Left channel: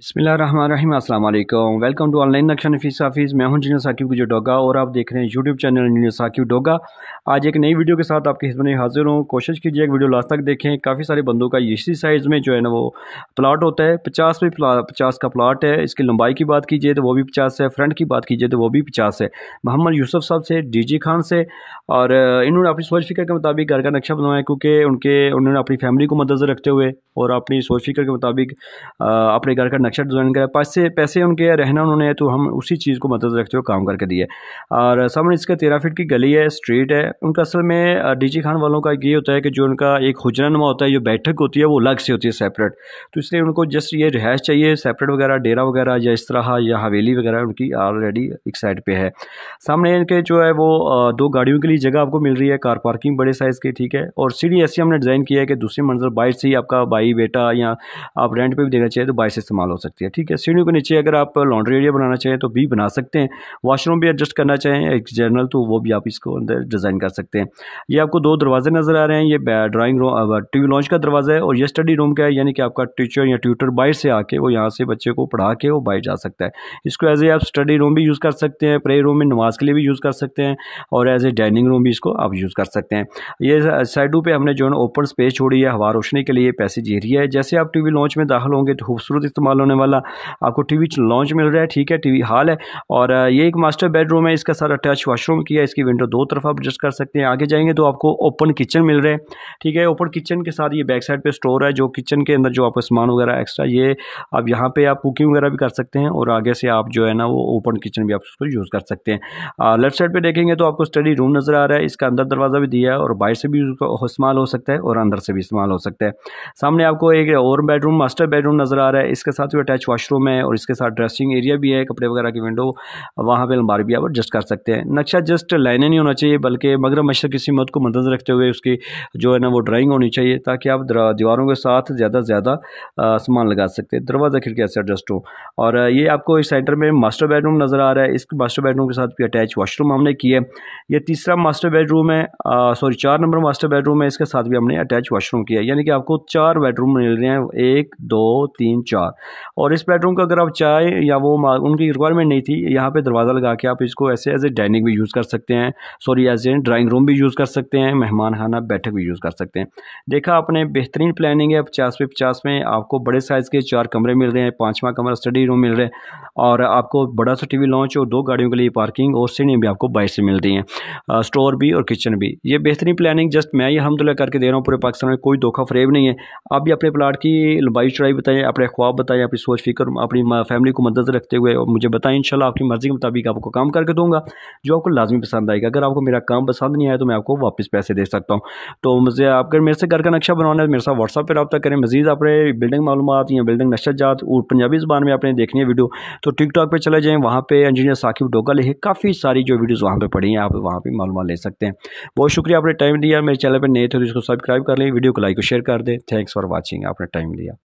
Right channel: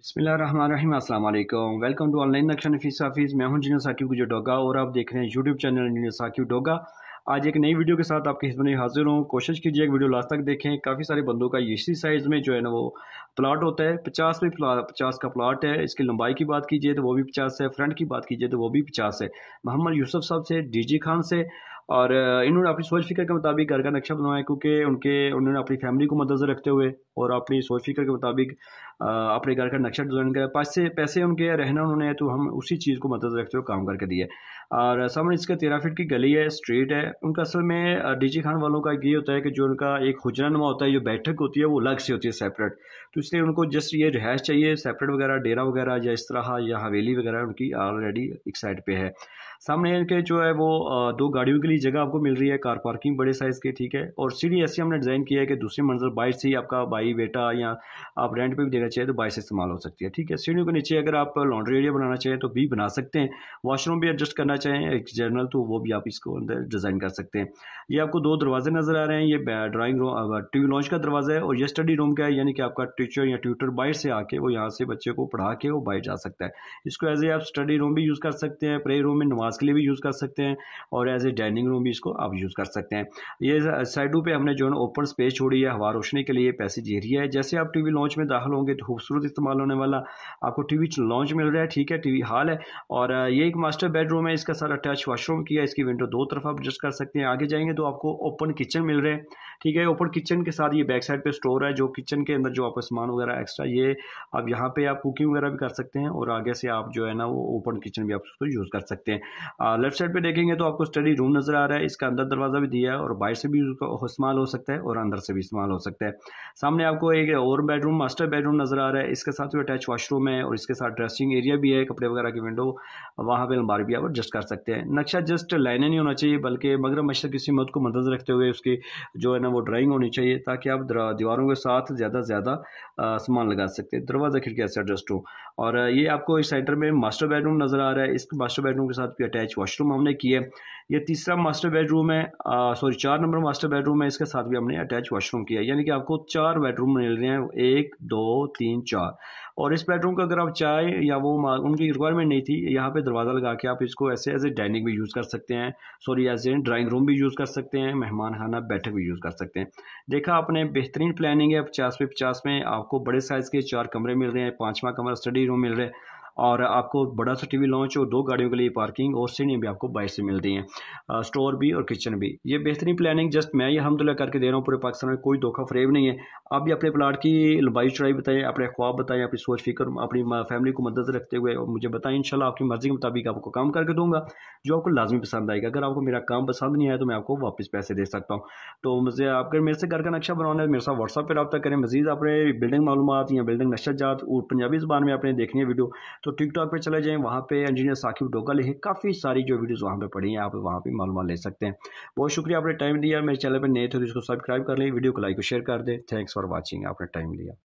बिस्मिल्लाहिर्रहमानिर्रहीम, अस्सलाम वालेकुम। वेलकम टू ऑनलाइन नक्शा नफीस हाफिज़। मैं हूं इंजीनियर साकिब गुजर डोगा और आप देख रहे हैं YouTube channel engineer Saqib Doga. आज एक नई वीडियो के साथ आपकी खिदमत में हाजिर हूं। कोशिश कीजिए एक वीडियो लास्ट तक देखें। काफ़ी सारे बंदों का इसी साइज़ में जो है ना वो प्लाट होता है। 50 का प्लाट है। इसकी लंबाई की बात कीजिए तो वो भी 50 है, फ्रंट की बात कीजिए तो वो भी 50 है। मोहम्मद यूसुफ साहब से, डीजी खान से, और इन्होंने अपनी सोच फिक्र के मुताबिक घर का नक्शा बनवाया, क्योंकि उन्होंने अपनी फैमिली को मद्देनज़र रखते हुए और अपनी सोच फिक्र के मुताबिक अपने घर का नक्शा डिज़ाइन करा। पैसे उनके रहना उन्होंने, तो हम उसी चीज़ को मद्देनज़र रखते हुए काम करके दिए। और सामने इसका 13 फीट की गली है, स्ट्रीट है। उनका असल में डीजी खान वालों का ये होता है कि जो उनका एक हुजरानुमा होता है, जो बैठक होती है वो अलग से होती है, सेपरेट। तो इसलिए उनको जस्ट ये रिहाइश चाहिए सेपरेट वगैरह, डेरा वगैरह या इस तरह, या हवेली वगैरह उनकी ऑलरेडी एक साइड पे है। सामने इनके जो है वो 2 गाड़ियों के लिए जगह आपको मिल रही है, कार पार्किंग बड़े साइज़ की, ठीक है। और सीढ़ी ऐसी हमने डिज़ाइन किया है कि दूसरी मंजिल बाइट से ही आपका भाई बेटा या आप रेंट पे भी देना चाहिए तो बाइट से इस्तेमाल हो सकती है, ठीक है। सीढ़ियों के नीचे अगर आप लॉन्ड्री एरिया बनाना चाहें तो भी बना सकते हैं। वॉशरूम भी एडजस्ट करना चाहें एक जनरल, तो वो भी आप इसको अंदर डिज़ाइन कर सकते हैं। ये आपको 2 दरवाजे नज़र आ रहे हैं। ये ड्राइंग रूम, टीवी लॉन्च का दरवाज़ा है, और ये स्टडी रूम का है, यानी कि आपका टीचर या ट्यूटर बाहर से आके वो यहाँ से बच्चे को पढ़ा के वो बाहर जा सकता है। इसको एज ए आप स्टडी रूम भी यूज़ कर सकते हैं, प्रे रूम में नमाज के लिए भी यूज़ कर सकते हैं, और एज ए डाइनिंग रूम भी इसको आप यूज़ कर सकते हैं। ये साइडों पे हमने जो है ओपन स्पेस छोड़ी है हवा रोशनी के लिए, पैसेज एरिया है। जैसे आप टीवी लॉन्च में दाखिल होंगे तो खूबसूरत इस्तेमाल होने वाला आपको टीवी लॉन्च मिल रहा है, ठीक है, टीवी हॉल है। और ये एक मास्टर बेडरूम है, इसका सारा अटैच वॉशरूम किया है। इसकी विंडो 2 तरफ आप एडजस्ट कर सकते हैं। आगे जाएंगे तो आपको ओपन किचन मिल रहे हैं, ठीक है। ओपन किचन के साथ ये बैक साइड पे स्टोर है, जो किचन के अंदर जो आपको सामान वगैरह एक्स्ट्रा, ये आप यहाँ पे आप कुकिंग वगैरह भी कर सकते हैं, और आगे से आप जो है ना वो ओपन किचन भी आप उसको यूज़ कर सकते हैं। लेफ्ट साइड पे देखेंगे तो आपको स्टडी रूम नज़र आ रहा है। इसका अंदर दरवाज़ा भी दिया है, और बाहर से भी इस्तेमाल हो सकता है और अंदर से भी इस्तेमाल हो सकता है। सामने आपको एक और बेडरूम, मास्टर बेडरूम नज़र आ रहा है। इसके साथ भी अटैच वॉशरूम है, और इसके साथ ड्रेसिंग एरिया भी है, कपड़े वगैरह की विंडो, वहाँ पे अलमारी भी आप एडजस्ट कर सकते हैं। नक्शा जस्ट लाइनें नहीं होना चाहिए, बल्कि मगरब मशरक़ की सीमत को मद्देनज़र रखते हुए उसकी जो है ना वो ड्राइंग होनी चाहिए, ताकि आप दीवारों के साथ ज़्यादा से ज़्यादा सामान लगा सकते हैं, दरवाज़ा खिड़की ऐसे एडजस्ट हो। और ये आपको इस सेंटर में मास्टर बेडरूम नज़र आ रहा है। इस मास्टर बेडरूम के साथ भी अटैच वॉशरूम हमने किया है। ये तीसरा मास्टर बेडरूम है, 4 नंबर मास्टर बेडरूम है। इसके साथ भी हमने अटैच वॉशरूम किया है, यानी कि आपको 4 बेडरूम मिल रहे हैं, 1 2 3 4। और इस बेडरूम को अगर आप चाहें, या वो उनकी रिक्वायरमेंट नहीं थी, यहाँ पे दरवाज़ा लगा के आप इसको ऐसे एज ए डाइनिंग भी यूज़ कर सकते हैं, sorry as a drawing room भी यूज़ कर सकते हैं, मेहमान खाना बैठक भी यूज़ कर सकते हैं। देखा आपने, बेहतरीन प्लानिंग है। 50 पे 50 में आपको बड़े साइज़ के 4 कमरे मिल रहे हैं, 5वां कमरा स्टडी रूम मिल रहा है, और आपको बड़ा सा टीवी लॉन्च और 2 गाड़ियों के लिए पार्किंग, और सीढ़ियाँ भी आपको बाहर से मिल रही हैं, स्टोर भी और किचन भी। ये बेहतरीन प्लानिंग जस्ट मैं ये अल्हम्दुलिल्लाह करके दे रहा हूँ। पूरे पाकिस्तान में कोई धोखा फ़रेब नहीं है। आप भी अपने प्लाट की लंबाई चौड़ाई बताएं, अपने ख्वाब बताएं, अपनी सोच फिक्र अपनी फैमिली को मद्देनज़र रखते हुए, और मुझे बताएं। इंशाल्लाह आपकी मर्ज़ी के मुताबिक आपको काम करके दूंगा जो आपको लाजमी पसंद आएगा। अगर आपको मेरा काम पसंद नहीं आया तो मैं आपको वापस पैसे दे सकता हूँ। तो मुझे अगर मेरे से घर का नक्शा बनवाना है, मेरे साथ व्हाट्सएप पर रब्ता करें। मज़ीद अपने बिल्डिंग मालूमात या बिल्डिंग नक्शाजात और पंजाबी ज़बान में आपने देखनी है वीडियो, तो टिकटॉक पर चले जाएँ, वहाँ पर इंजीनियर साकिब डोगा लिखे, काफ़ी सारी जो वीडियोज़ वहाँ पर पड़ी हैं, आप वहाँ पर मालूमात ले सकते हैं। बहुत शुक्रिया आपने टाइम दिया। मेरे चैनल पर नए थे तो इसको सब्सक्राइब कर लें, वीडियो को लाइक और शेयर कर दें। थैंक्स फॉर वॉचिंग, आपने टाइम लिया।